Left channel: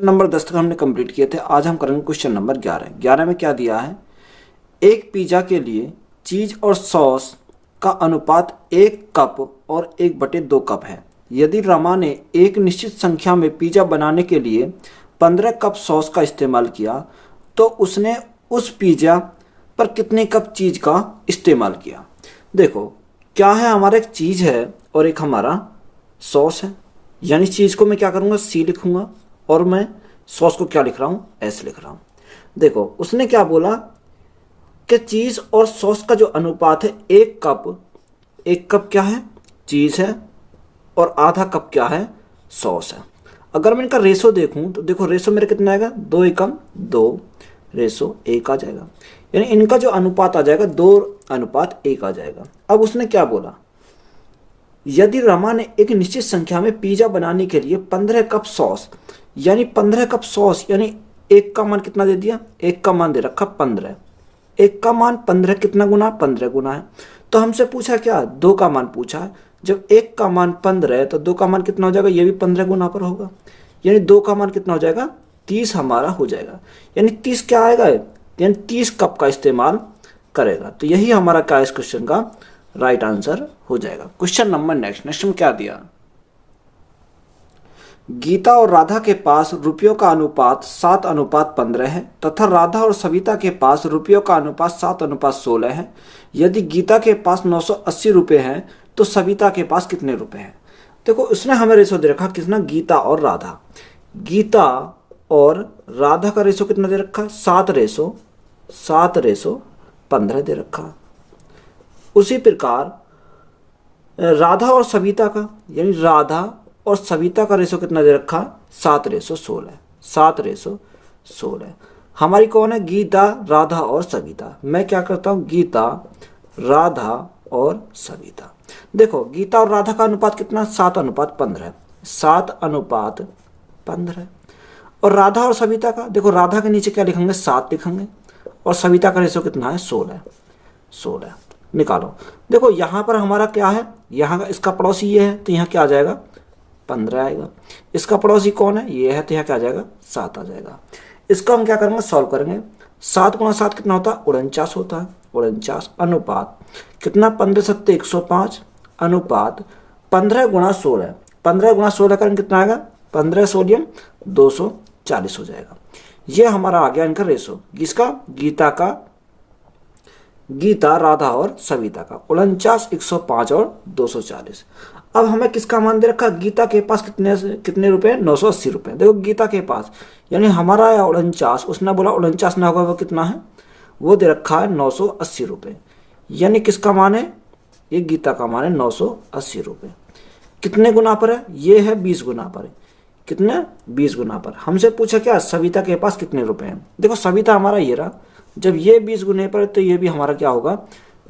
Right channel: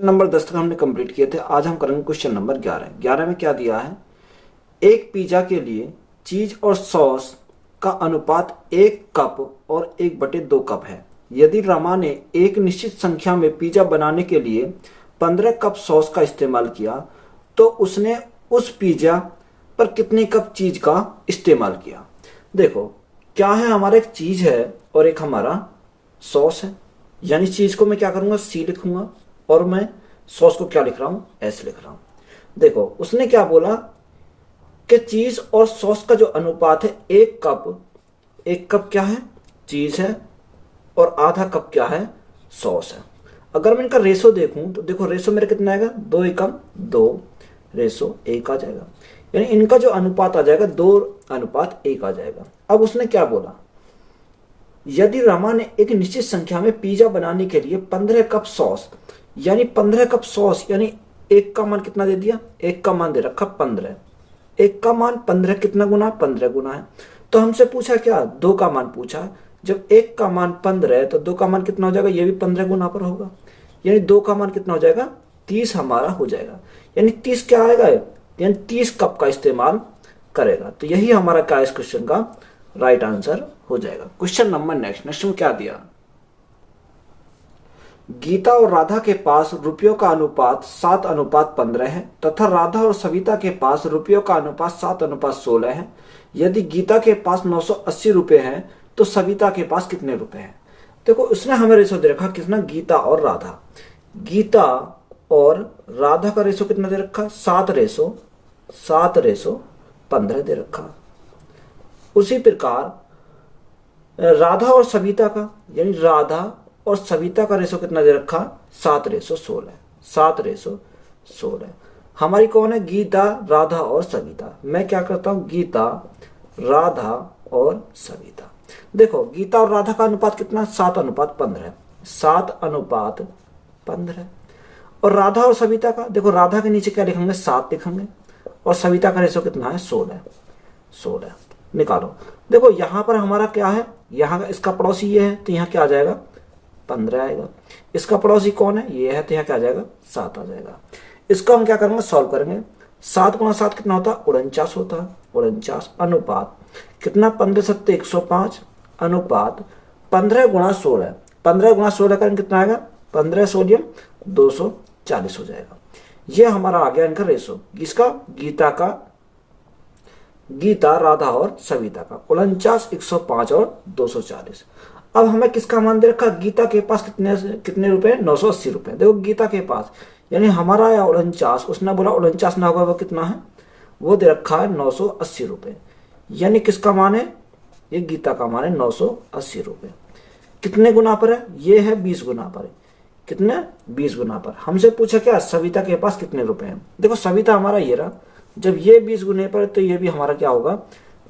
Number 10 तक हमने complete किए थे। आज हम करेंगे क्वेश्चन नंबर 11। 11 में क्या दिया है, एक पिज्जा के लिए चीज और सॉस का अनुपात 1 कप और 1/2 कप है। यदि रमा ने एक निश्चित संख्या में पिज्जा बनाने के लिए 15 कप सॉस का इस्तेमाल किया तो उसने उस पिज्जा पर कितने कप चीज का इस्तेमाल किया। देखो क्या है, हमारा एक चीज है और एक हमारा सॉस है। यानी चीज को मैं क्या करूंगा, सी लिखूंगा और मैं सॉस को क्या लिख रहा हूं, एस लिख रहा हूं। देखो उसने क्या बोला कि चीज और सॉस का जो अनुपात है 1 कप, 1 कप क्या है, चीज है और आधा कप क्या है, सॉस है। अगर मैं इनका रेशो देखूं तो देखो रेशो मेरा कितना आएगा, 2 एकम 2 रेशो 1 आ जाएगा। यानी इनका जो अनुपात आ जाएगा 2:1 आ जाएगा। अब उसने क्या बोला, यदि रमा ने एक निश्चित संख्या में पिज्जा बनाने के लिए 15 कप सॉस, यानी 15 कप सॉस यानी 1 का मान कितना दे दिया, 1 का मान दे रखा 15, 1 का मान 15 कितना गुना, 15 गुना है। तो हमसे पूछा क्या, 2 का मान पूछा है। जब 1 का मान 15 है तो 2 का मान कितना हो जाएगा, ये भी 15 गुना पर होगा। यानी 2 का मान कितना हो जाएगा, 30 हमारा हो जाएगा। यानी 30 क्या आएगा, यानी 30 कप का इस्तेमाल करेगा। तो यही हमारा क्या इस क्वेश्चन का राइट आंसर हो जाएगा। क्वेश्चन नंबर नेक्स्ट में क्या दिया, गीता और राधा के पास रुपयों का अनुपात 7:15 है तथा राधा और सविता के पास रुपयों का अनुपात 7:16 है। यदि गीता के पास 980 रुपए हैं तो सविता के पास कितने रुपए हैं। देखो उसने हमें रेशो दे रखा कितना, गीता और राधा। गीता और राधा का रेशो कितना दे रखा, 7:15 दे रखा। उसी प्रकार राधा और सविता का, यानी राधा और सविता का रेशो कितना दे रखा, 7:16, 7:16। हमारी कौन है, गीता, राधा और सविता। मैं क्या करता हूं, गीता, राधा और सविता। देखो गीता और राधा का अनुपात कितना, 7:15, 7:15। और राधा और सविता का, देखो राधा के नीचे क्या लिखेंगे, 7 लिखेंगे और सविता का रेशो कितना है, 16 निकालो। देखो यहां पर हमारा क्या है, यहाँ का इसका पड़ोसी ये है तो यहाँ क्या आ जाएगा, 15 आएगा। इसका पड़ोसी कौन है, ये है, तो यहाँ क्या आ जाएगा, 7 आ जाएगा। इसको हम क्या करेंगे, सॉल्व करेंगे। 7 गुणा 7 कितना होता है, 49 होता है। 49 अनुपात कितना, 15 सत्ते 105 अनुपात 15 गुणा 16, 15 गुणा 16 का कितना आएगा, 15 सोडियम 240 हो जाएगा। ये हमारा आ गया इनका रेशो, किसका, गीता का, गीता, राधा और सविता का, 49, 105 और 240। अब हमें किसका मान दे रखा, गीता के पास कितने कितने रुपए, 980 रुपए। देखो गीता के पास, यानी हमारा 49, उसने बोला 49 ना होगा, वो कितना है, वो दे रखा है 980 रुपए। यानी किसका मान है, ये गीता का मान है 980 रुपए। कितने गुना पर है, ये है 20 गुना पर। कितने, 20 गुना पर। हमसे पूछा क्या, सविता के पास कितने रुपए हैं। देखो सविता हमारा ये रहा, जब ये 20 गुने पर तो ये भी हमारा क्या होगा,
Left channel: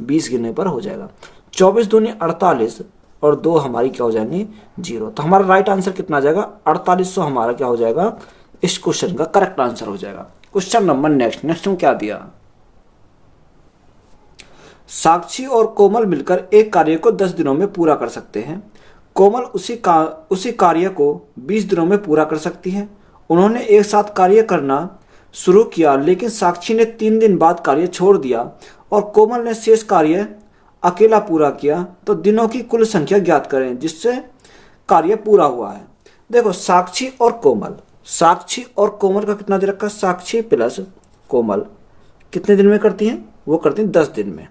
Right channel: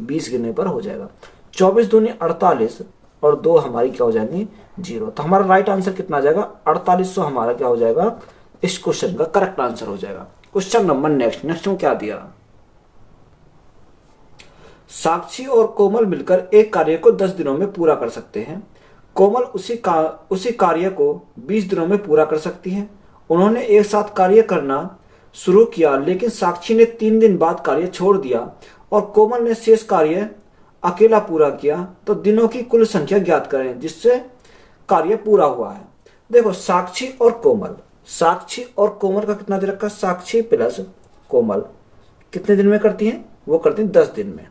20 गुने पर हो जाएगा। 24 दूनी 48 और 2 हमारी क्या हो जाएंगी, 0। तो हमारा राइट आंसर कितना आ जाएगा, 4800 हमारा क्या हो जाएगा, इस क्वेश्चन का करेक्ट आंसर हो जाएगा। क्वेश्चन नंबर नेक्स्ट में क्या दिया, साक्षी और कोमल मिलकर एक कार्य को 10 दिनों में पूरा कर सकते हैं। कोमल उसी कार्य को 20 दिनों में पूरा कर सकती है। उन्होंने एक साथ कार्य करना शुरू किया, लेकिन साक्षी ने 3 दिन बाद कार्य छोड़ दिया और कोमल ने शेष कार्य अकेला पूरा किया। तो दिनों की कुल संख्या ज्ञात करें जिससे कार्य पूरा हुआ है। देखो साक्षी और कोमल, साक्षी और कोमल का कितना दे रखा, साक्षी प्लस कोमल कितने दिन में करती है, वो करती है 10 दिन में।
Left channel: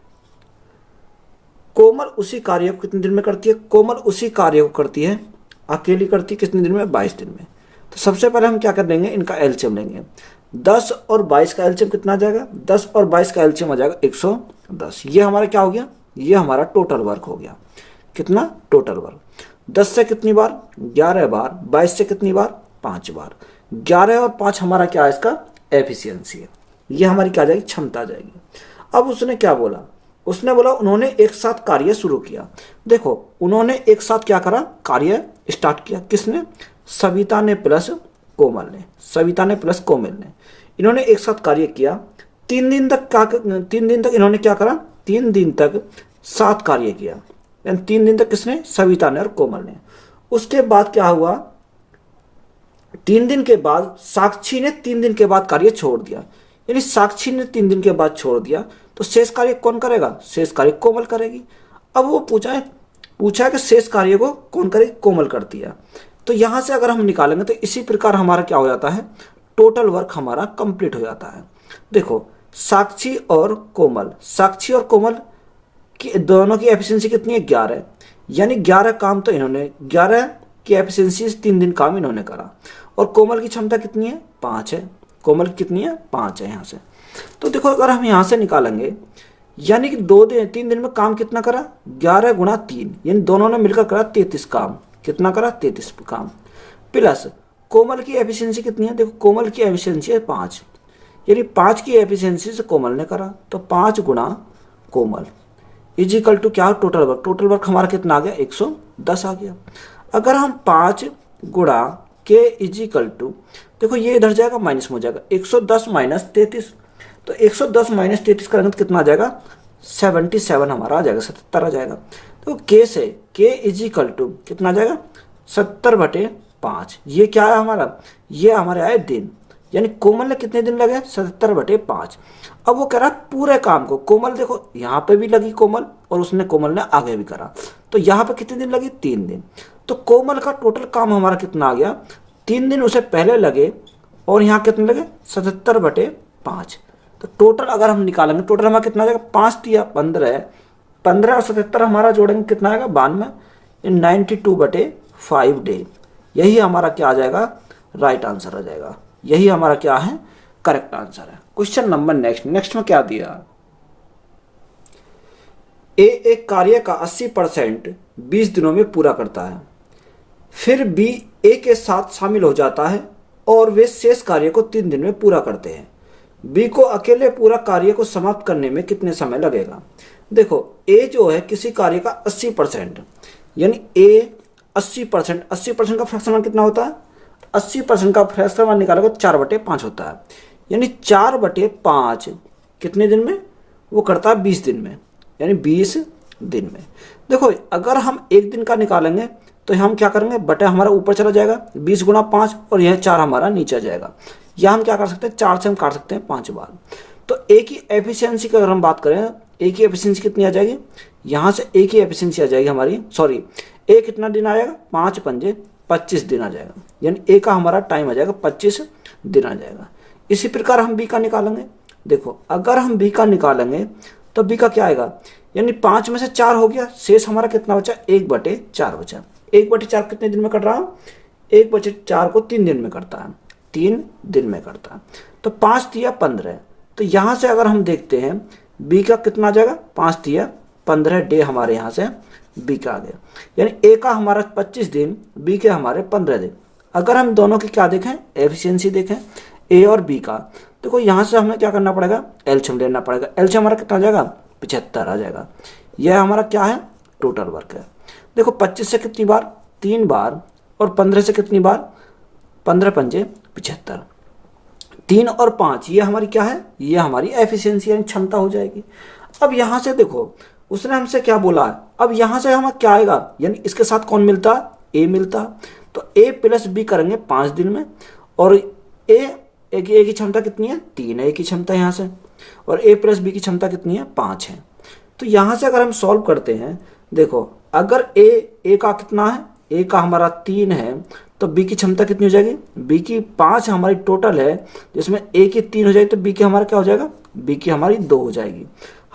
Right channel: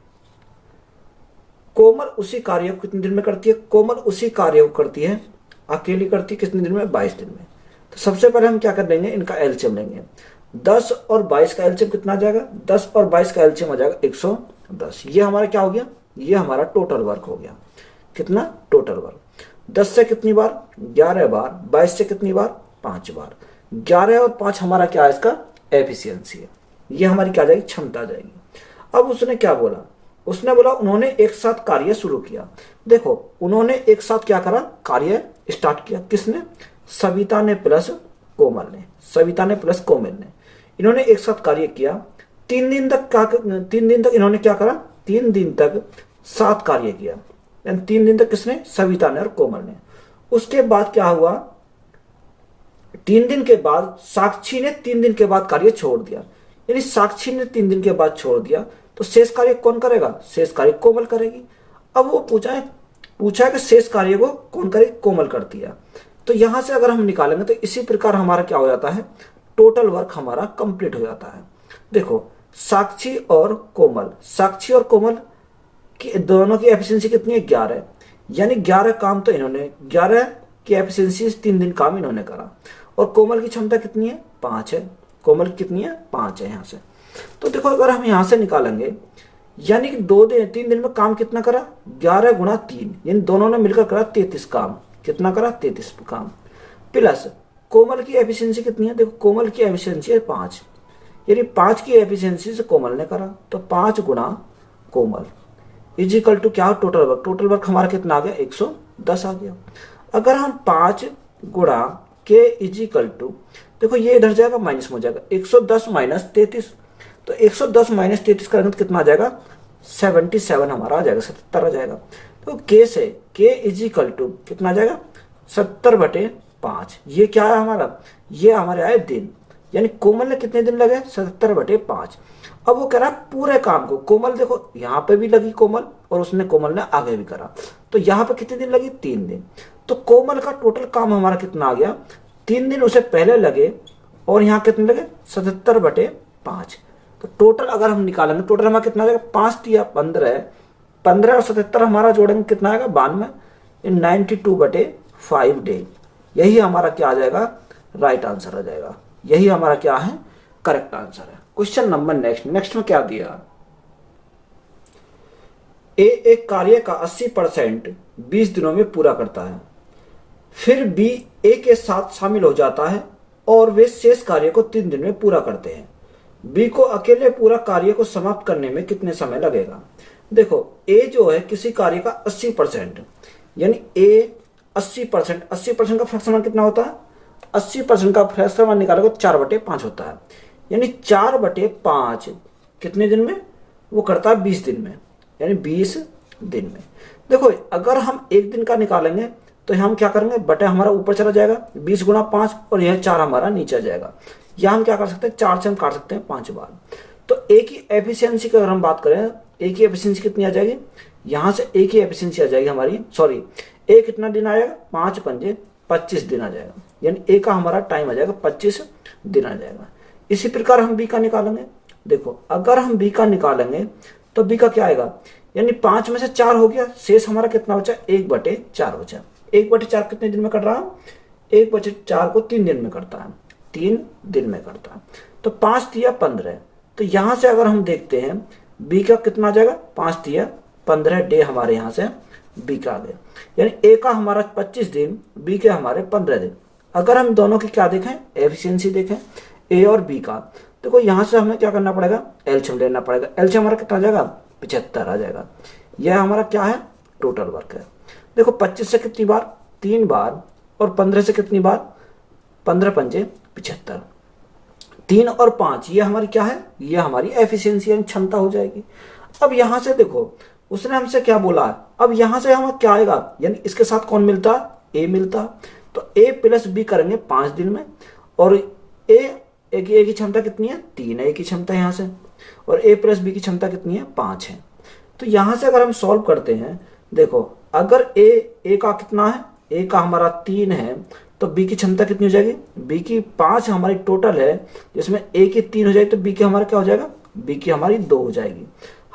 कोमल उसी कार्य को कितने दिन में करती है, कोमल उसी कार्य को करती है, अकेली करती है कितने दिन में, 22 दिन में। तो सबसे पहले हम क्या कर लेंगे, इनका एलसीएम लेंगे। 10 और 22 का एलसीएम कितना आ जाएगा, 10 और 22 का एलसीएम आ जाएगा 110। ये हमारा क्या हो गया, ये हमारा टोटल वर्क हो गया। कितना, टोटल वर्क। 10 से कितनी बार, 11 बार। 22 से कितनी बार, 5 बार। 11 और 5 हमारा क्या है, इसका एफिशिएंसी है। ये हमारी क्या आ जाएगी, क्षमता आ जाएगी। अब उसने क्या बोला, उसने बोला उन्होंने एक साथ कार्य शुरू किया। देखो उन्होंने एक साथ क्या करा, कार्य स्टार्ट किया। किसने, सविता ने प्लस कोमल ने, सविता ने प्लस कोमल ने। इन्होंने एक साथ कार्य किया। 3 दिन तक क्या, 3 दिन तक इन्होंने क्या करा, 3 दिन तक साथ कार्य किया। यानी 3 दिन तक किसने, सविता ने और कोमल ने। उसके बाद क्या हुआ, 3 दिन के बाद साक्षी ने 3 दिन के बाद कार्य छोड़ दिया, यानी साक्षी ने 3 दिन के बाद छोड़ दिया, तो शेष कार्य कौन करेगा? शेष कार्य कोमल करेगी। अब वो पूछा है कि शेष कार्य को कौन करे? कोमल करती है। तो यहां से अगर हम निकालेंगे तो इसी प्रकार हमारा क्या हो जाता है? टोटल वर्क हमारा कंप्लीट हो जाता है। देखो साक्षी और कोमल की दोनों की एफिशिएंसी कितनी है? 11, यानी 11 काम तो इन्होंने 11 की एफिशिएंसी 3 दिन काम इन्होंने करा। और कोमल की क्षमता कितनी है? 5 है। कोमल की कितनी है? 5 है यहाँ से। तो देखो अगर हम यहाँ से निकालेंगे, यानी कि 3 दिन में काम कितना करा? 11 गुणा 3, यानी दोनों ने मिलकर करा 33 काम। कितना करा? 33 काम। प्लस कोमल की एफिशिएंसी कितनी है? देखो कोमल की एफिशिएंसी है 5, यानी 5 की एफिशिएंसी से कोमल ने करा, तो 5 गुणा कोमल इज इक्वल टू क्या? टोटल वर्क हमारा कितना आ गया? 110 आ गया। अगर हम 5 गुणा के इज इक्वल टू, देखो ये इधर जाएगा माइनस में हो जाएगा, 110 माइनस 33, तो 110 माइनस 33 करेंगे तो कितना आ जाएगा? 77 हमारा आ जाएगा, 77 आ जाएगा। तो के से के इज इक्वल टू कितना आ जाएगा? 70/5। ये क्या है हमारा? ये हमारे आए दिन, यानी कोमल ने कितने दिन लगे? 70/5। अब वो कह रहा है पूरे काम को, कोमल देखो यहाँ पे भी लगी कोमल, और कोमल ने आगे भी करा, तो यहाँ पे कितने दिन लगी? 3 दिन। तो कोमल का टोटल काम हमारा कितना आ गया? 3 दिन उसे पहले लगे, और यहाँ कितने लगे? 77/5। तो टोटल अगर हम निकालेंगे, टोटल हमारा कितना आ जाएगा? 5 या 15, 15 और 77 हमारा जोड़ेंगे कितना आएगा? 92, 92/5 डे। यही हमारा क्या आ जाएगा? राइट आंसर आ जाएगा। यही हमारा क्या है? करेक्ट आंसर है। क्वेश्चन नंबर नेक्स्ट में क्या दिया? ए एक कार्य का 80% 20 दिनों में पूरा करता है, फिर बी ए के साथ शामिल हो जाता है और वे शेष कार्य को 3 दिन में पूरा करते हैं। बी को अकेले पूरा कार्य को समाप्त करने में कितने समय लगेगा? देखो ए जो है किसी कार्य का 80%, यानी ए 80% का फ्रैक्शन कितना होता है? 80% का फ्रैक्शन निकालेगा 4/5 होता है, यानी 4/5 कितने दिन में? वो करता है 20 दिन में, यानी 20 दिन में। देखो अगर हम 1 दिन का निकालेंगे तो हम क्या करेंगे? बटे हमारा ऊपर चला जाएगा 20 गुणा 5, और यह 4 हमारा नीचे आ जाएगा। या हम क्या कर सकते हैं? 4 से हम काट सकते हैं 5 बार। तो ए की एफिशिएंसी की अगर हम बात करें, ए की एफिशिएंसी कितनी आ जाएगी? यहाँ से ए की एफिशिएंसी आ जाएगी हमारी, सॉरी ए कितना दिन आएगा? 5 पंजे 25 दिन आ जाएगा, यानी ए का हमारा टाइम आ जाएगा 25 दिन आ जाएगा। इसी प्रकार हम बी का निकालेंगे। देखो अगर हम बी का निकालेंगे तो बी का क्या आएगा? यानी 5 में से 4 हो गया, शेष हमारा कितना बचा? 1/4 बचा। 1/4 कितने दिन में कर रहा हूं? 1/4 को 3 दिन में करता है, 3 दिन में करता है। तो 5 तिया 15, तो यहां से अगर हम देखते हैं बी का कितना आ जाएगा? 5 तिया 15 डे हमारे यहां से बी का आ गया, यानी ए का हमारा 25 दिन, बी के हमारे 15 दिन। अगर हम दोनों की क्या देखें? एफिशिएंसी देखें ए और बी का, देखो यहां से हमें क्या करना पड़ेगा? एलसीएम लेना पड़ेगा। एलसीएम हमारा कितना आ जाएगा? 75 आ जाएगा। यह हमारा क्या है? टोटल वर्क है। देखो 25 से कितनी बार? 3 बार, और 15 से कितनी बार? 15 पंजे 75। 3 और 5 ये हमारी क्या है? ये हमारी एफिशिएंसी यानी क्षमता हो जाएगी। अब यहां से देखो उसने हमसे क्या बोला है? अब यहां से हमें क्या आएगा? यानी इसके साथ कौन मिलता? ए मिलता। तो ए प्लस बी करेंगे 5 दिन में, और ए की क्षमता कितनी है? 3 है ए की क्षमता यहाँ से, और ए प्लस बी की क्षमता कितनी है? 5 है। तो यहां से अगर हम सॉल्व करते हैं, देखो अगर ए का कितना है? ए का हमारा 3 है, तो बी की क्षमता कितनी हो जाएगी? बी की 5 हमारी टोटल है, जिसमें ए की 3 हो जाएगी, तो बी की हमारा क्या हो जाएगा? बी की हमारी 2 हो जाएगी।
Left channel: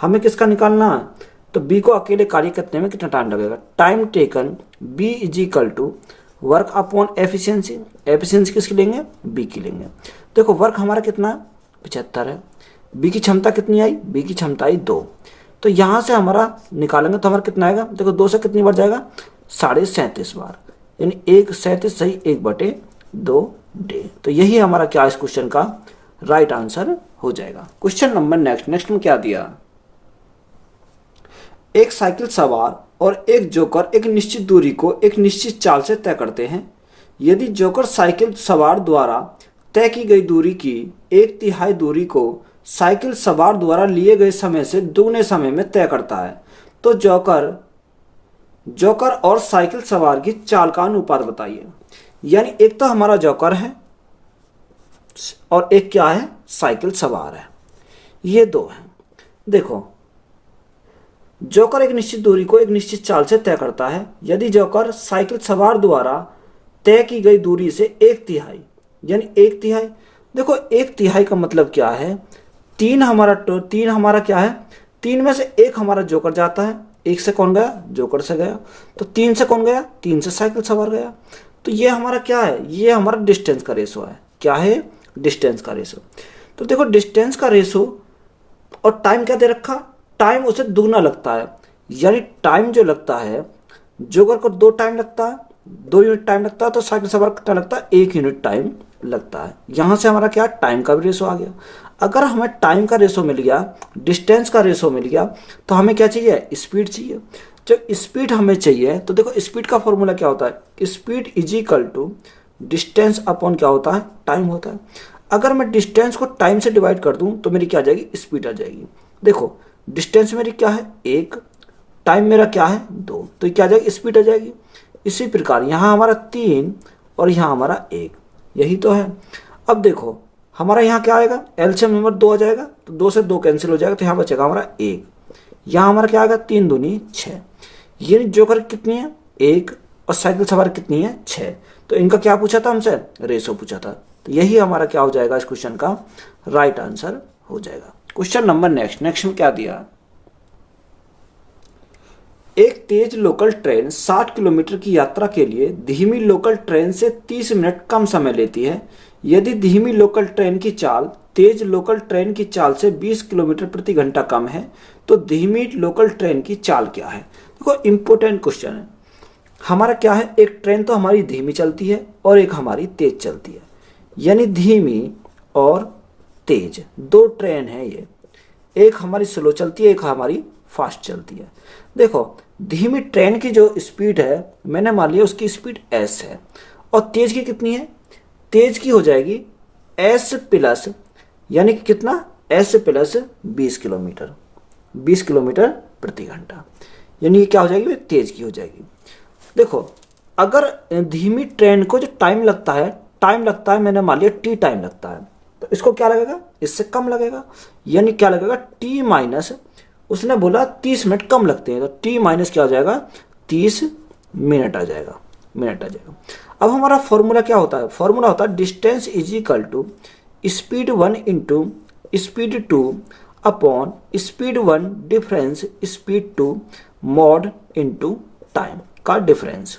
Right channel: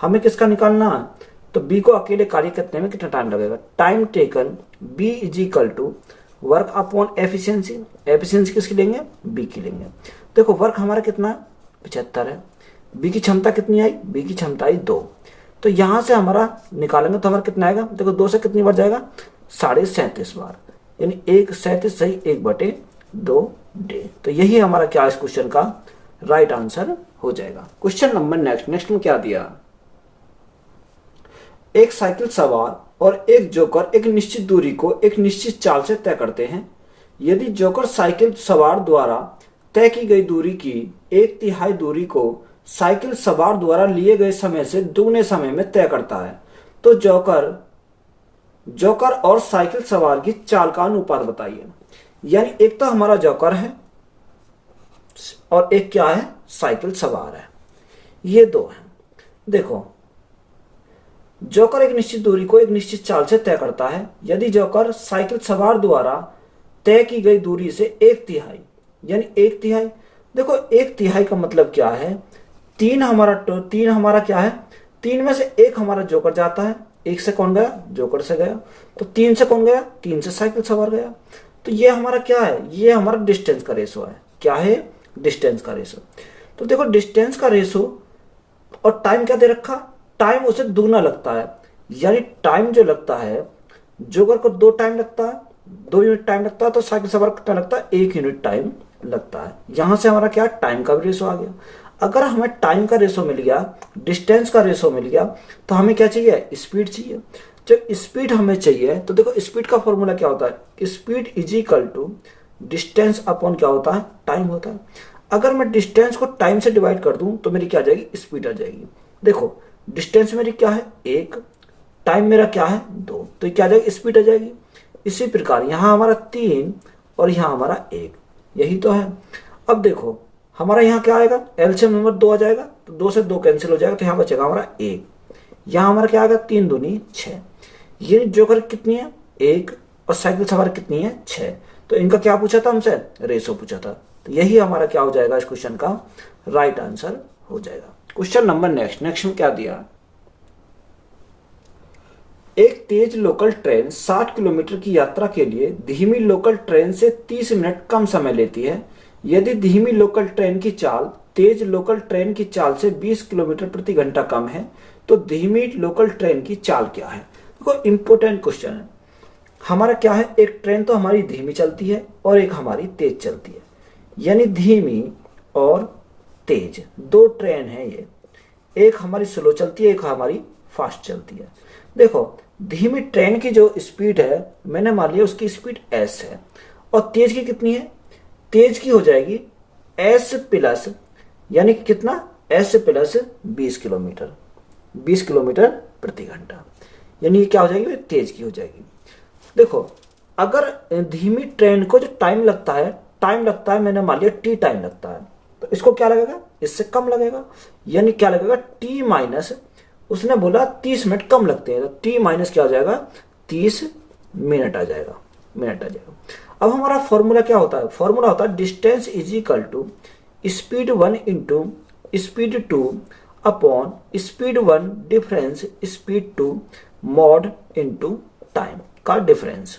हमें किसका निकालना है? तो बी को अकेले कार्य करने में कितना टाइम लगेगा? Time taken B is equal to work upon efficiency. Efficiency किसकी लेंगे? बी की लेंगे। देखो वर्क हमारा कितना है? 75 है। बी की क्षमता कितनी आई? बी की क्षमता आई 2। तो यहां से हमारा निकालेंगे तो हमारा कितना आएगा? देखो 2 से कितनी बार जाएगा? 37.5 बार, यानी 137 सही 1/2 डे। तो यही हमारा क्या इस क्वेश्चन का राइट आंसर हो जाएगा। क्वेश्चन नंबर नेक्स्ट में क्या दिया? एक साइकिल सवार और एक जोकर एक निश्चित दूरी को एक निश्चित चाल से तय करते हैं। यदि जोकर साइकिल सवार द्वारा तय की गई दूरी की 1/3 दूरी को साइकिल सवार द्वारा लिए गए समय से दुगने समय में तय करता है, तो जोकर और साइकिल सवार की चाल का अनुपात बताइए। यानी एक तो हमारा जोकर है और एक क्या है, साइकिल सवार है, ये दो है। देखो जोकर एक निश्चित दूरी को एक निश्चित चाल से तय करता है। यदि जोकर साइकिल सवार द्वारा तय की गई दूरी से एक तिहाई, यानी एक तिहाई, देखो एक तिहाई का मतलब क्या है, तीन हमारा क्या है, तीन में से एक हमारा जोकर जाता है, एक से कौन गया, जोकर से गया, तो तीन से कौन गया, तीन से साइकिल सवार गया। तो ये हमारा क्या है, ये हमारा डिस्टेंस का रेशो है। क्या है, डिस्टेंस का रेशो। तो देखो डिस्टेंस का रेशो और टाइम क्या दे रखा, टाइम उसे दुगना लगता है, यानी टाइम जो लगता है, जोकर को 2 टाइम लगता है, 2 यूनिट टाइम लगता है, तो साइकिल सवार कितना लगता है, 1 यूनिट टाइम लगता है। यहां से हमारा क्या, टाइम का भी रेशो आ गया। अगर हमें टाइम का रेशो मिल गया, डिस्टेंस का रेशो मिल गया, तो हमें क्या चाहिए, स्पीड चाहिए। जब स्पीड हमें चाहिए तो देखो स्पीड का फॉर्मूला क्या होता है, speed is equal to distance upon क्या होता है, टाइम होता है। अगर मैं डिस्टेंस को टाइम से डिवाइड कर दूं तो मेरी क्या आ जाएगी, स्पीड आ जाएगी। देखो डिस्टेंस मेरी क्या है, 1, टाइम मेरा क्या है, 2, तो क्या आ जाएगी, स्पीड आ जाएगी। इसी प्रकार यहां हमारा 3 और यहां हमारा 1, यही तो है। अब देखो हमारा यहाँ क्या आएगा, एलसीएम नंबर 2 आ जाएगा, तो 2 से 2 कैंसिल हो जाएगा, तो यहाँ बचेगा हमारा 1। यहाँ हमारा क्या आएगा, 3 दूनी 6। ये जोकर कितनी है, 1, और साइकिल सवार कितनी है, 6। तो इनका क्या पूछा था हमसे, रेशो पूछा था। तो यही हमारा क्या हो जाएगा, इस क्वेश्चन का राइट आंसर हो जाएगा। क्वेश्चन नंबर नेक्स्ट में क्या दिया, एक तेज लोकल ट्रेन 60 किलोमीटर की यात्रा के लिए धीमी लोकल ट्रेन से 30 मिनट कम समय लेती है। यदि धीमी लोकल ट्रेन की चाल तेज लोकल ट्रेन की चाल से 20 किलोमीटर प्रति घंटा कम है, तो धीमी लोकल ट्रेन की चाल क्या है। देखो इंपोर्टेंट क्वेश्चन है। हमारा क्या है, एक ट्रेन तो हमारी धीमी चलती है और एक हमारी तेज चलती है, यानी धीमी और तेज 2 ट्रेन है ये, एक हमारी स्लो चलती है, एक हमारी फास्ट चलती है। देखो धीमी ट्रेन की जो स्पीड है, मैंने मान लिया उसकी स्पीड s है, और तेज की कितनी है, तेज की हो जाएगी s प्लस, यानी कि कितना, s प्लस 20 किलोमीटर, 20 किलोमीटर प्रति घंटा, यानी ये क्या हो जाएगी, तेज की हो जाएगी। देखो अगर धीमी ट्रेन को जो टाइम लगता है मैंने मान लिया t टाइम लगता है, तो इसको क्या लगेगा, इससे कम लगेगा, यानी क्या लगेगा, t माइनस, उसने बोला 30 मिनट कम लगते हैं, तो t माइनस क्या हो जाएगा, 30 मिनट आ जाएगा, अब हमारा फॉर्मूला क्या होता है, फॉर्मूला होता है distance is equal to speed 1 into speed 2 upon speed 1 difference speed 2 mod into time का डिफरेंस।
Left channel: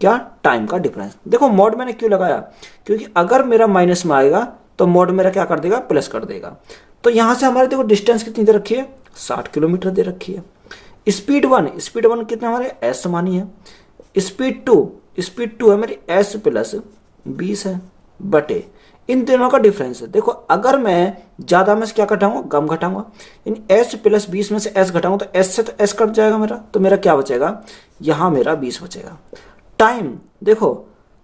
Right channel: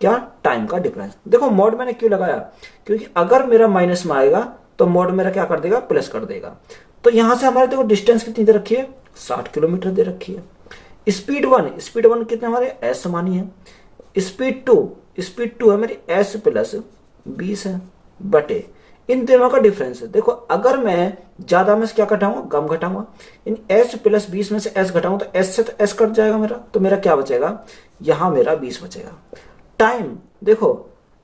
क्या, टाइम का डिफरेंस। देखो मॉड मैंने क्यों लगाया, क्योंकि अगर मेरा माइनस में आएगा तो मॉड मेरा क्या कर देगा, प्लस कर देगा। तो यहां से हमारे देखो डिस्टेंस कितनी दे रखी है, 60 किलोमीटर दे रखी है। स्पीड 1 कितने हमारे s मानी है, स्पीड 2 है मेरी s प्लस 20 है, बटे इन दोनों का डिफरेंस है। देखो अगर मैं ज्यादा में से क्या घटाऊंगा, कम घटाऊंगा, इन s प्लस 20 में से s घटाऊंगा तो s से तो s कट जाएगा मेरा, तो मेरा क्या बचेगा, यहां मेरा 20 बचेगा। टाइम देखो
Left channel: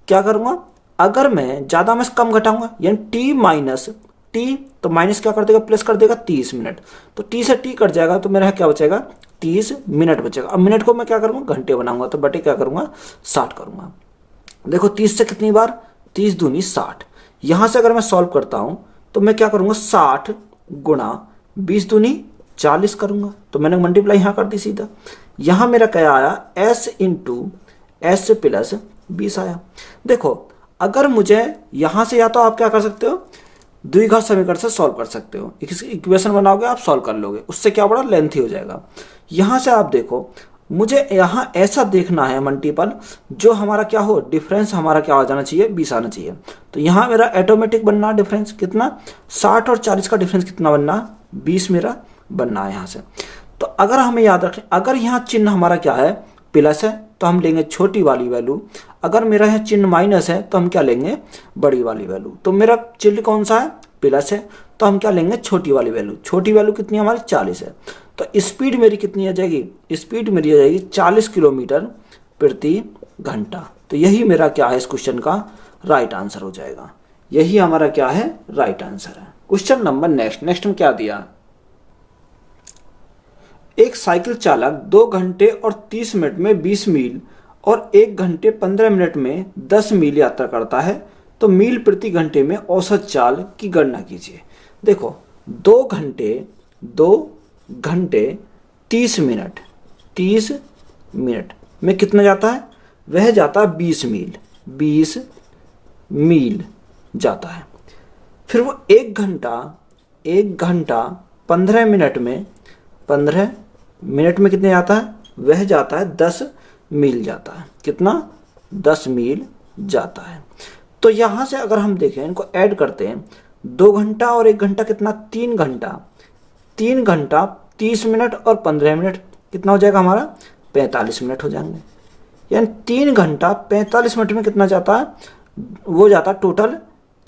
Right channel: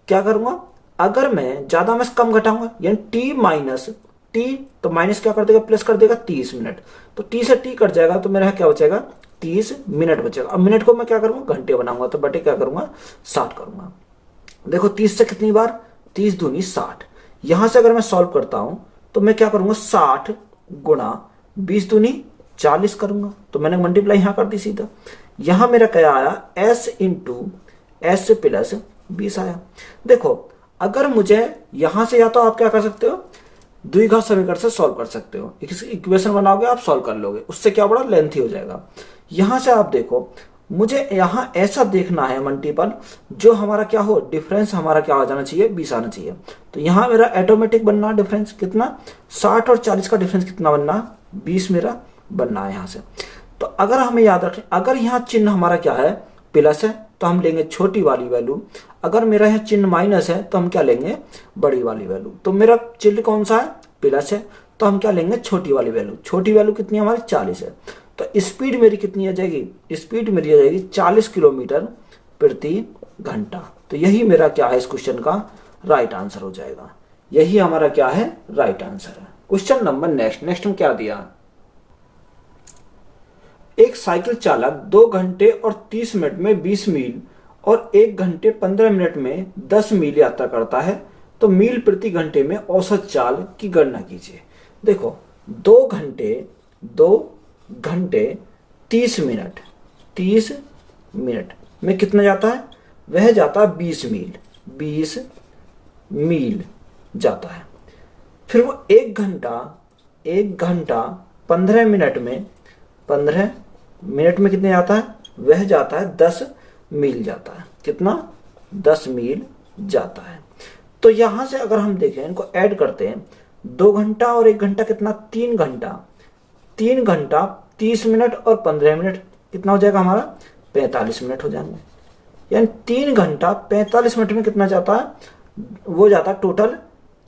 क्या करूंगा, अगर मैं ज्यादा में से कम घटाऊंगा, यानी t माइनस t, तो माइनस क्या कर देगा, प्लस कर देगा 30 मिनट, तो t से t कट जाएगा, तो मेरा क्या बचेगा, 30 मिनट बचेगा। अब मिनट को मैं क्या करूंगा, घंटे बनाऊंगा, तो बटे क्या करूंगा, 60 करूंगा। देखो 30 से कितनी बार, 30 दूनी 60। यहां से अगर मैं सॉल्व करता हूं तो मैं क्या करूंगा, 60 गुणा 20 दूनी 40 करूंगा, तो मैंने मल्टीप्लाई यहां कर दी सीधा। यहां मेरा क्या आया, s इंटू एस प्लस 20 आया। देखो अगर मुझे यहां से, या तो आप क्या कर सकते हो, द्विघात समीकरण से सॉल्व कर सकते हो, इक्वेशन बनाओगे आप, सॉल्व कर लोगे, उससे क्या बड़ा लेंथी हो जाएगा। यहां से आप देखो, मुझे यहां ऐसा देखना है मल्टीपल जो हमारा क्या हो, डिफरेंस हमारा क्या आ जाना चाहिए, 20 आना चाहिए। तो यहां मेरा ऑटोमेटिक बनना डिफरेंस कितना, 60 और 40 का डिफरेंस कितना बनना, 20 मेरा बनना है यहां से। तो अगर हमें याद रखें, अगर यहाँ चिन्ह हमारा क्या है, प्लस है, तो हम लेंगे छोटी वाली वैल्यू, अगर मेरा है चिन्ह माइनस है तो हम क्या लेंगे, बड़ी वाली वैल्यू। तो मेरा चिन्ह कौन सा है, प्लस है, तो हम क्या लेंगे, छोटी वाली वैल्यू। छोटी वैल्यू कितनी हमारी, 40 है, तो स्पीड मेरी कितनी आ जाएगी, स्पीड मेरी आ जाएगी 40 किलोमीटर प्रति घंटा। तो यही मेरा क्या है, इस क्वेश्चन का राइट आंसर हो जाएगा। यही हमारा क्या है, राइट आंसर है। क्वेश्चन नंबर नेक्स्ट में क्या दिया, एक साइकिल चालक 2 घंटे और 30 मिनट में 20 मील और 1 घंटे 15 मिनट में 10 मील यात्रा करता है तो मील प्रति घंटे में औसत चाल की गणना कीजिए। देखो 2 घंटे 30 मिनट में कितना जाता है, वह जाता है 20 मील जाता है। फिर वो 1 घंटा 15 मिनट में कितने जाता है, वह जाता है 10 मील जाता है। कितना, 10 मील जाता है। तो यहां से अगर हम देखें, इनको ऐड करते हैं, 2 घंटा और 1 घंटा कितना, 3 घंटा 30 मिनट और 15 मिनट कितना हो जाएगा हमारा, 45 मिनट हो जाएंगे। यानी 3 घंटा 45 मिनट में कितना जाता है, वो जाता है टोटल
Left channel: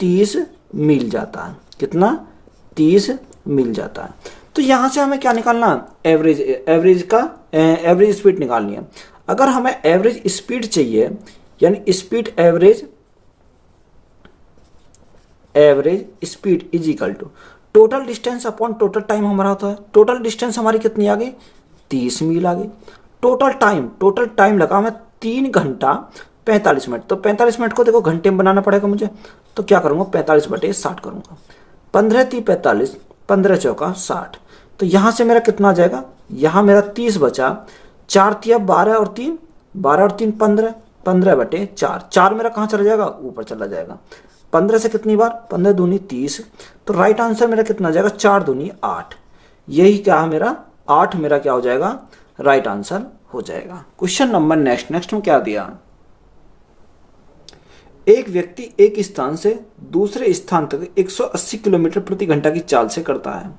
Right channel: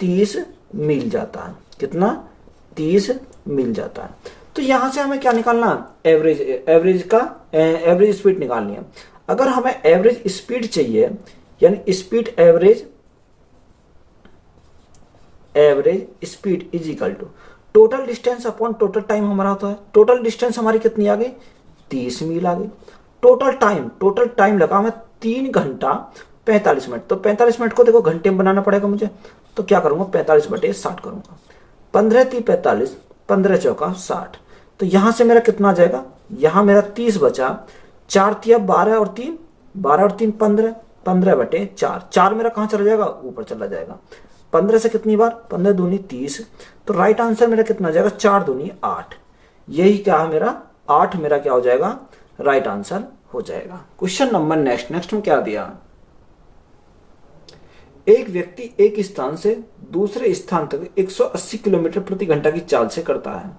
30 मील जाता है। कितना, 30 मील जाता है। तो यहां से हमें क्या निकालना, एवरेज स्पीड निकालनी है। अगर हमें एवरेज स्पीड चाहिए, यानी speed average speed is equal to total distance upon total time हमारा होता है। टोटल डिस्टेंस हमारी कितनी आ गई, 30 मील आ गई। टोटल टाइम लगा हमें 3 घंटा 45 मिनट। तो 45 मिनट को देखो घंटे में बनाना पड़ेगा मुझे, तो क्या करूंगा, 45/60 करूंगा। 15 3 45, 15 चौका 60। तो यहां से मेरा कितना आ जाएगा, यहां मेरा 30 बचा, 4 तिया 12 और 3 15, 15/4। 4 मेरा कहां चला जाएगा, ऊपर चला जाएगा। 15 से कितनी बार, 15 दूनी 30। तो राइट आंसर मेरा कितना आ जाएगा, 4 दूनी 8। यही क्या है मेरा, 8 मेरा क्या हो जाएगा, राइट आंसर हो जाएगा। क्वेश्चन नंबर नेक्स्ट में क्या दिया, एक व्यक्ति एक स्थान से दूसरे स्थान तक 180 किलोमीटर प्रति घंटा की चाल से करता है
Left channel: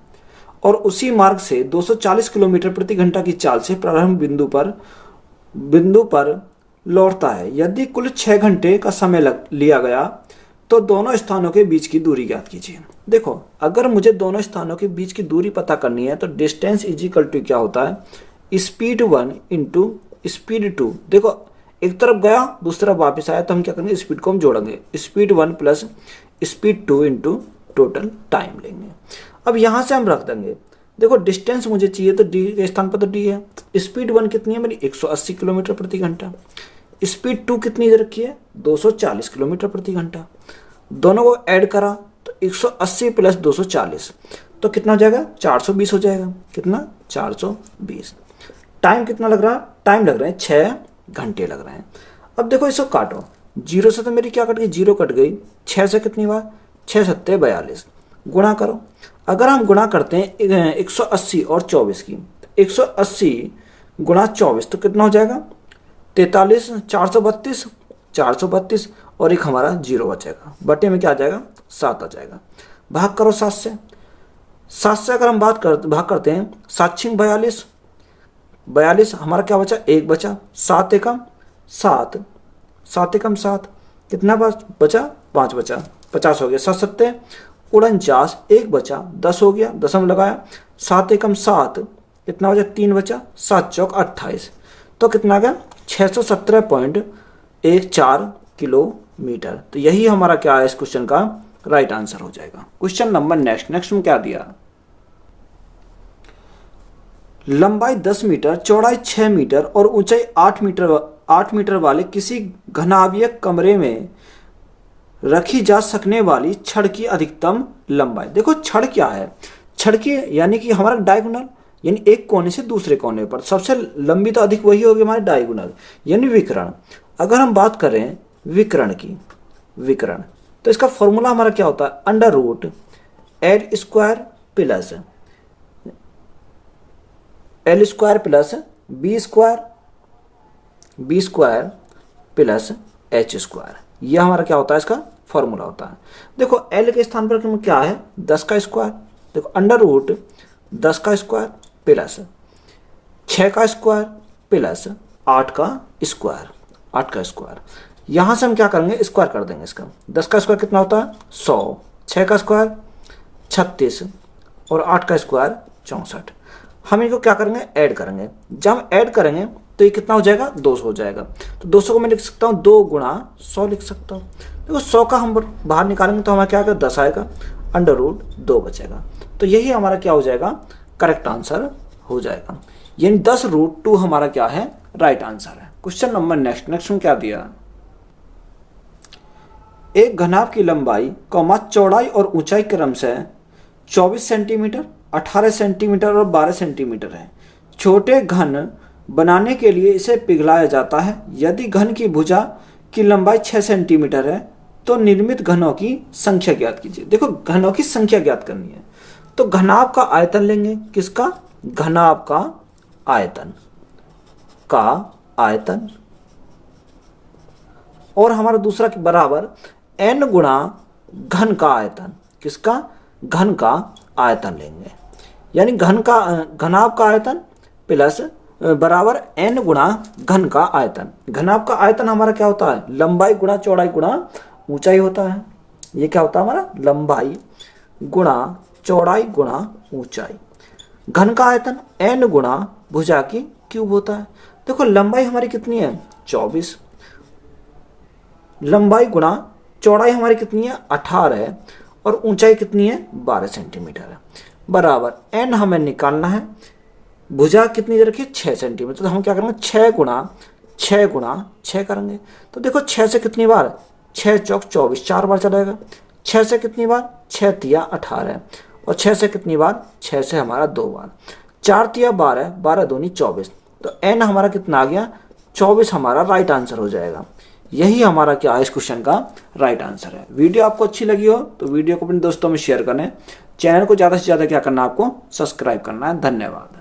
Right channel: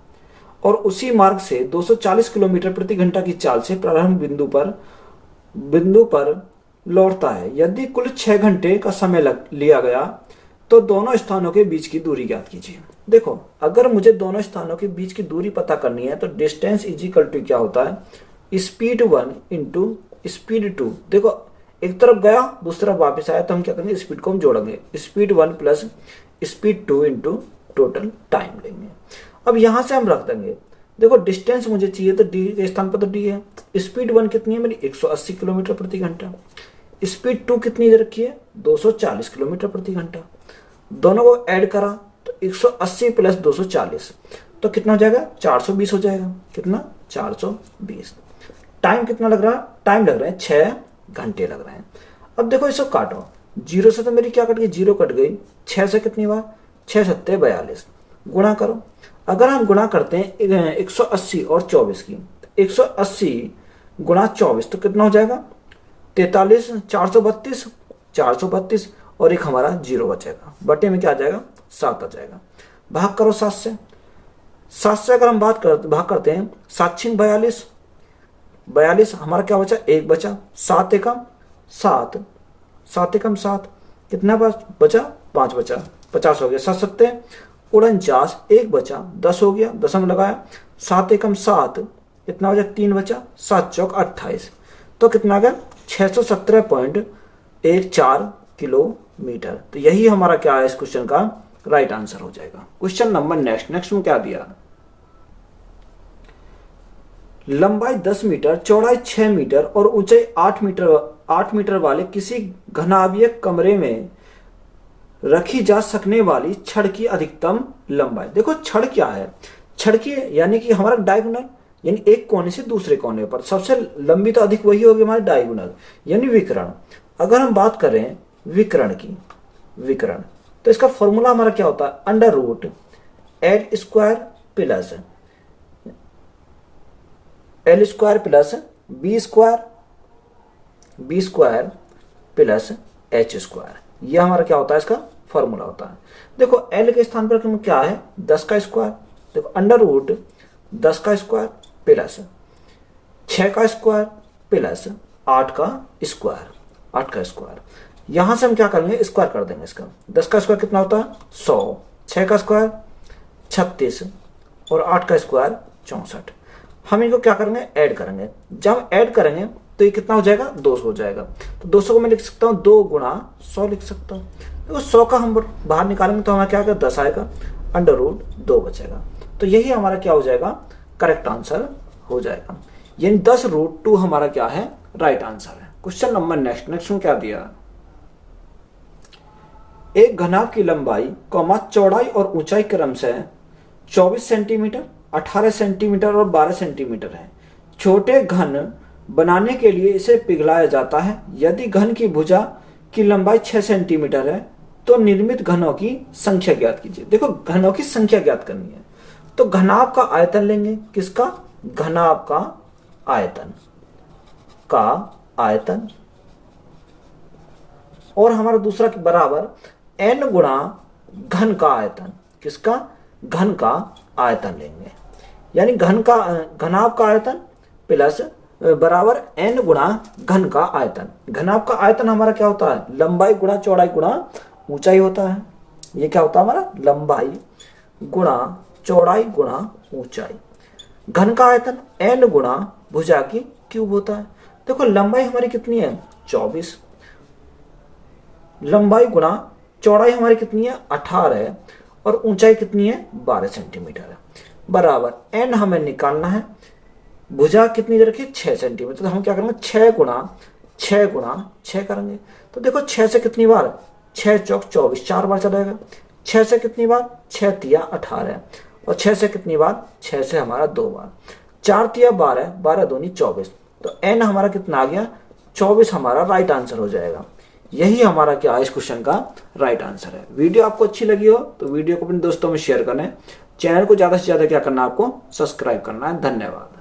और उसी मार्ग से 240 किलोमीटर प्रति घंटा की चाल से प्रारंभ बिंदु पर लौटता है। यदि कुल 6 घंटे का समय लिया गया तो दोनों स्थानों के बीच की दूरी ज्ञात कीजिए। देखो अगर मुझे दोनों स्थानों के बीच की दूरी पता करनी है तो डिस्टेंस इज इक्वल टू क्या होता है, स्पीड 1 इंटू स्पीड 2। देखो एक तरफ गया दूसरी तरफ वापस आया तो हम क्या करेंगे, स्पीड को हम जोड़ेंगे, speed 1 plus speed 2 into total time लेंगे। अब यहां से हम रख देंगे, देखो डिस्टेंस मुझे चाहिए तो डी के स्थान पर तो डी है। स्पीड 1 कितनी है मेरी, 180 किलोमीटर प्रति घंटा। स्पीड 2 कितनी इधर रखी है, 240 किलोमीटर प्रति घंटा। दोनों को ऐड करा तो 180 प्लस 240 तो कितना हो जाएगा, 420 हो जाएगा। कितना, 420। टाइम कितना लग रहा है, टाइम लग रहे हैं 6 घंटे लग रहे हैं। अब देखो इसको काटो, 0 से तो मेरी क्या कट गई, 0 कट गई। 6 से कितनी बार, 6 7 42, गुणा करो। अगर हम गुणा करते हैं 180 और 24 की, 180 गुणा 24 तो कितना हो जाएगा, 43, 432 और एक हमारा 0 बचेगा। बटे में क्या आ जाएगा, 7 आ जाएगा। भाग करो 7 से। 7 से अगर हम भाग करते हैं, 7 6 42 हमारा क्या बचा, 1 बचा। 7 एकम 7, 7 एकम 7, कितना बचा, 5 बचा, 50 हो गया। 7 7 49, 1 बचा, 10 हो गया, 10 में लगाया। 7 एकम 7, कितना बचा, 3 बचा। 7 चौक 28, तो कितना आ गया, 617.14 किलोमीटर। तो यही हमारा क्या है इस क्वेश्चन का राइट आंसर हो जाएगा। क्वेश्चन नंबर नेक्स्ट में क्या दिया, लंबाई 10 मीटर, चौड़ाई 6 मीटर और ऊंचाई 8 मीटर वाले किसी घनाभीय कमरे में रखी जा सकने वाली छड़ की अधिकतम लंबाई। देखो छड़ क्या है, छड़ की यानी कि हमारा डायगोनल, यानी एक कोने से दूसरे कोने पर सबसे लंबी तो अधिक वही होगी हमारे डायगोनल, यानी विकर्ण। अगर हम बात करें विकर्ण की, विकर्ण तो इसका फॉर्मूला हमारा क्या होता है, under root L square plus B square plus H square. यह हमारा क्या होता है, इसका फॉर्मूला होता है। देखो एल के स्थान पर क्या है, 10 का स्क्वायर। देखो अंडर रूट 10 का स्क्वायर प्लस 6 का स्क्वायर प्लस 8 का स्क्वायर। यहां से हम क्या करेंगे, स्क्वायर कर देंगे इसका। 10 का स्क्वायर कितना होता है, 100, 6 का स्क्वायर 36 और 8 का स्क्वायर 64। हम इनको क्या करेंगे, ऐड करेंगे। जब हम ऐड करेंगे तो ये कितना हो जाएगा, 200 हो जाएगा। तो 200 को मैं लिख सकता हूँ 2 गुणा 100 लिख सकता हूँ। देखो 100 का हम बाहर निकालेंगे तो हमें क्या आएगा, 10 आएगा, अंडर रूट 2 बचेगा। तो यही हमारा क्या हो जाएगा, करेक्ट आंसर हो जाएगा। यानी 10 रूट 2 हमारा क्या है, राइट आंसर है। क्वेश्चन नंबर नेक्स्ट में क्या दिया, एक घनाभ की लंबाई चौड़ाई और ऊंचाई क्रम से 24 सेंटीमीटर, 18 सेंटीमीटर और 12 सेंटीमीटर है। छोटे घन बनाने के लिए इसे पिघलाया जाता है। यदि घन की भुजा की लंबाई 6 सेंटीमीटर है तो निर्मित घनों की संख्या ज्ञात कीजिए। देखो घनों की संख्या ज्ञात करनी है तो घनाभ का आयतन लेंगे। किसका? घनाभ का आयतन और हमारा दूसरा बराबर n गुणा घन का आयतन। किसका? घन का आयतन लेंगे, यानी घनाभ का आयतन प्लस बराबर n गुणा घन का आयतन। घनाभ का आयतन हमारा क्या होता है? लंबाई गुणा चौड़ाई गुणा ऊंचाई होता है। ये क्या होता है हमारा? लंबाई गुणा चौड़ाई गुणा ऊंचाई। घन का आयतन n गुणा भुजा की क्यूब होता है। देखो लंबाई हमारी कितनी है? 24। लंबाई गुणा चौड़ाई हमारी कितनी है? 18 है और ऊंचाई कितनी है? 12 सेंटीमीटर है। बराबर n हमें निकालना है, भुजा कितनी दे रखी है? 6 सेंटीमीटर। तो हम क्या करेंगे? 6 गुणा 6 करेंगे। तो देखो 6 से कितनी बार? 6 चौक 24, 4 बार चलेगा। 6 से कितनी बार? 6 तिया 18 और 6 से कितनी बार? 6 से हमारा 2 बार। 4 तिया 12, 12 दूनी 24। तो n हमारा कितना आ गया? 24 हमारा राइट आंसर हो जाएगा। यही हमारा क्या है इस क्वेश्चन का राइट आंसर है। वीडियो आपको अच्छी लगी हो तो वीडियो को अपने दोस्तों में शेयर करें। चैनल को ज्यादा से ज्यादा क्या करना है? आपको सब्सक्राइब करना है। धन्यवाद।